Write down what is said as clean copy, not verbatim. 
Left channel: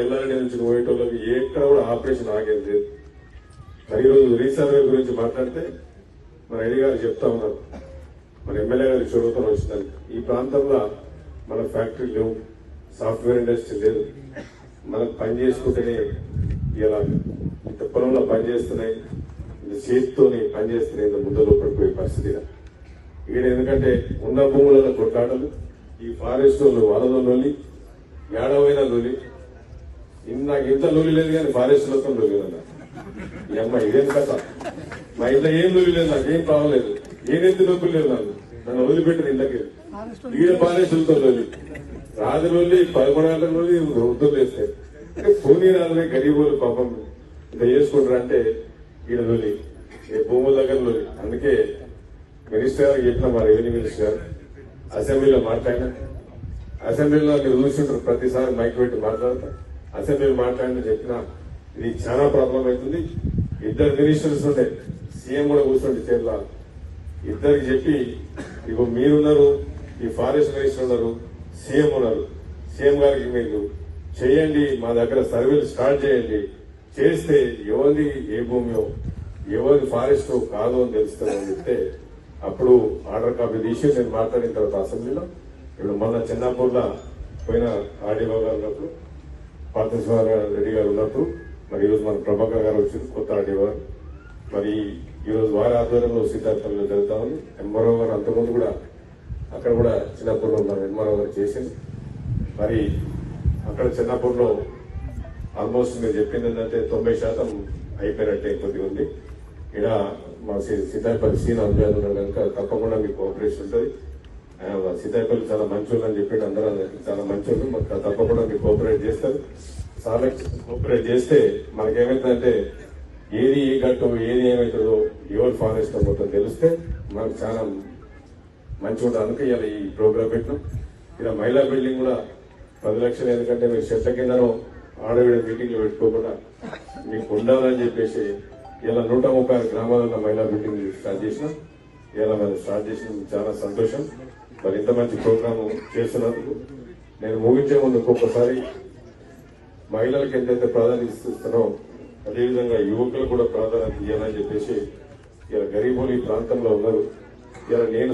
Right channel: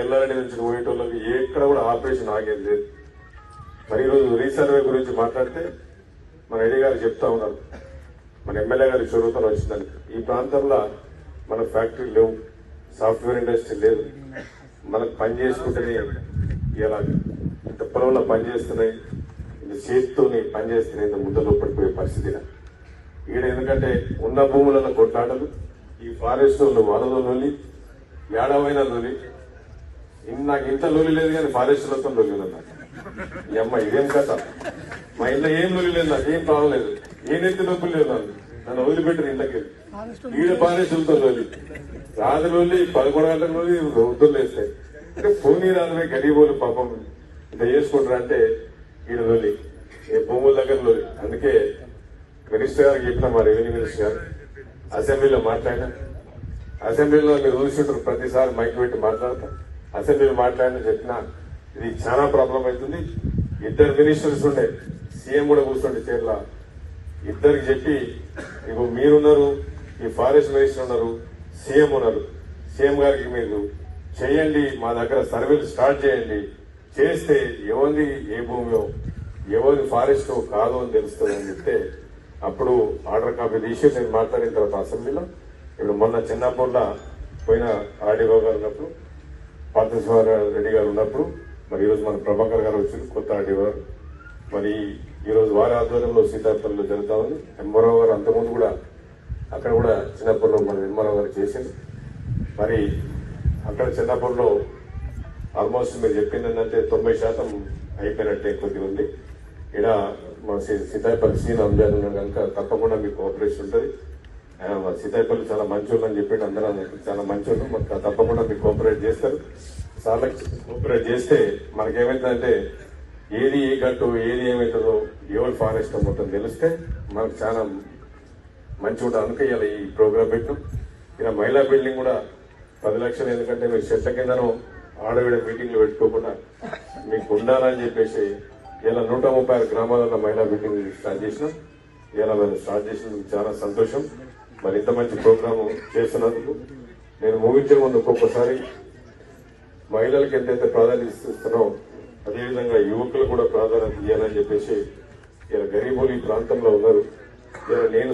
ఎల్లారెడ్డి నుంచి పోయేటోళ్ళకి ఎక్కడ కూడా ఆపరేషన్ ఆగేది లేదు. మరి ఈరోజు రీసర్వే గురించి మాట్లాడితే మన రెడ్డి గారు చెప్తా ఉన్నారు, మన ఎమ్మెల్యే గారి చొరవతో వచ్చిందని ఈ ప్రాంతంలో మన ఫ్యాక్టరీ లేవు, సాఫ్ట్వేర్ ఇండస్ట్రీ లేదు, మనకు పని చేసుకుంటేనే ఇలా ఇంత పొలంలో పనిచేస్తున్నాయి, ఇంత చేతితోని పనిచేస్తున్నాయి, ఇంత ముందలో పడిపోయే పరిస్థితి ఈడ. ఎందుకంటే ఉన్న భూములలో కొట్లాటలు, ఈ ఫారెస్ట్ వలలో నొల్లి, ఏడవైన నొల్లి, నాకు ఇంత లొల్లి లేదు కానీ ఫారెస్ట్ లతో లొల్లి అన్న. ఈ అమ్మ ఇదేం కథ, మా ఇంట్లో ఏం లొల్లి లేదు, నాకు ఏం ప్రాబ్లం లేదు, ఏదైతే నొప్పులు లేదు, నన్ను వదిలిపెట్టిన ఇంట్లోకి ఈడ ఫారెస్టులతో లొల్లి, రాజు లొల్లి, 11 గంటల లొల్లి వృద్ధులు వేస్తాయి. అంటే భూమి రాజులు గరీబోలు పాపం ఇంత చేసుకుంటారు అంటే ఈడ లొల్లి, భూముల దగ్గర లొల్లి. అందుకే మినిస్టర్ గారికి చెప్పిన మా రెవెన్యూ మినిస్టర్ గారు అసెంబ్లీలో మాట్లాడినా, అసెంబ్లీలో మీరు చూసింటారు ప్రతిసారి మైక్ పెట్టి మాట్లాడతారు, అసెంబ్లీలో మాట్లాడిన చెప్పినా ఇది చాలా ప్రాబ్లం అవుతుంది. 2 మినిస్టర్స్ ఉండే, సీఎం కూడా కూర్చుండే చీరల, ఇద్దరికి చెప్పి ఇగో మీరున్నారు, ఈ ఫారెస్ట్ మినిస్టర్ ఉన్నారు, సీఎం ఉన్నారు, సీఎం గారికి మీరు చేయండి, మా దగ్గర సర్వేలు స్టార్ట్ చేయండి, చేస్తే ఎవరిది ఏ భూమి ఎవరిది ఫారెస్ట్ కాదు అని తెలుస్తుందని చెప్తే అప్పుడు ఆర్డర్ కాపీ తీసి నేను మాట్లాడిన తర్వాత అసెంబ్లీలో ఇప్పుడు మొన్న చిన్నాపూర్లో పోయిన ఆర్డీఓ గారు ఉన్నప్పుడు, పార్థసార రెడ్డి గారు ఉన్నప్పుడు, మరి ఈరోజు మన ప్రభాకర్ గారు వచ్చారు, కొత్త ఆర్డీఓ గారు. మరి ఈరోజు వారి ఆధ్వర్యంలో సీతాపల్లిలో జరుగుతామని ఎంఆర్ఓ గారు అంతకుముందు కూడా అక్కడ కూడా చిన్నాపూర్లో మన ఎంఆర్ఓ గారు చేసింది. మరి అక్కడ చిన్నాపూర్లో ఆల్మోస్ట్ మీరు చెప్పింది ఏంటంటే 90% అయిపోయినట్టే కొద్దిగా ఉంది. ఇక్కడ మా సీతాపల్లి సీన్ అంజాలు ఉన్నాం కనుక తప్పకుండా మీకు కోఆపరేషన్ ఉంటుంది. సీతాపల్లి చాలా మంచోళ్ళు అని చెప్పి అందరూ చాలా మంచోళ్ళు, మాకు తప్పకుండా మీకు కోఆపరేట్ చేస్తారు. చాలా కోఆపరేట్ చేస్తే మనకేమైతుందంటే ఏది ఏ గట్టు ఏది ఏమవుతుందో ఎవరు ఫారెస్ట్ మొత్తం తెలిస్తే మనకు చాలా మంచిగా ఉంటుంది. అందుకే ఇలా ఈ ప్రోగ్రాం పెట్టాం. ఇలా మహిళా బిల్డింగ్ కూడా 10 లక్షలు, ఎందుకంటే మీరు చెట్ల కిందనో ఆడవిడ మీటింగ్లు పెట్టుకోకుండా మీకు ఉండాలని చెప్పేసి ఇలా 136 గ్రామాలలో మహిళా బిల్డింగ్ స్టార్ట్ చేసినాం. ఇలా మేము స్టార్ట్ చేసిన చాలా సంతోషం. మరి ఇంత మంచి ప్రోగ్రామ్ చేస్తున్నందుకు నేను ముగించే ముందు ఒక్కొక్కసారి మహిళలకు ఎంతైతే ప్రాధాన్యత ఇస్తున్నారో అదేవిధంగా యువకులు కూడా ప్రాధాన్యత ఇవ్వాలని చెప్పేసి ఇలా గరీబులు ఈ ప్రాంతంలో ఉన్నారు. ఇలా నేను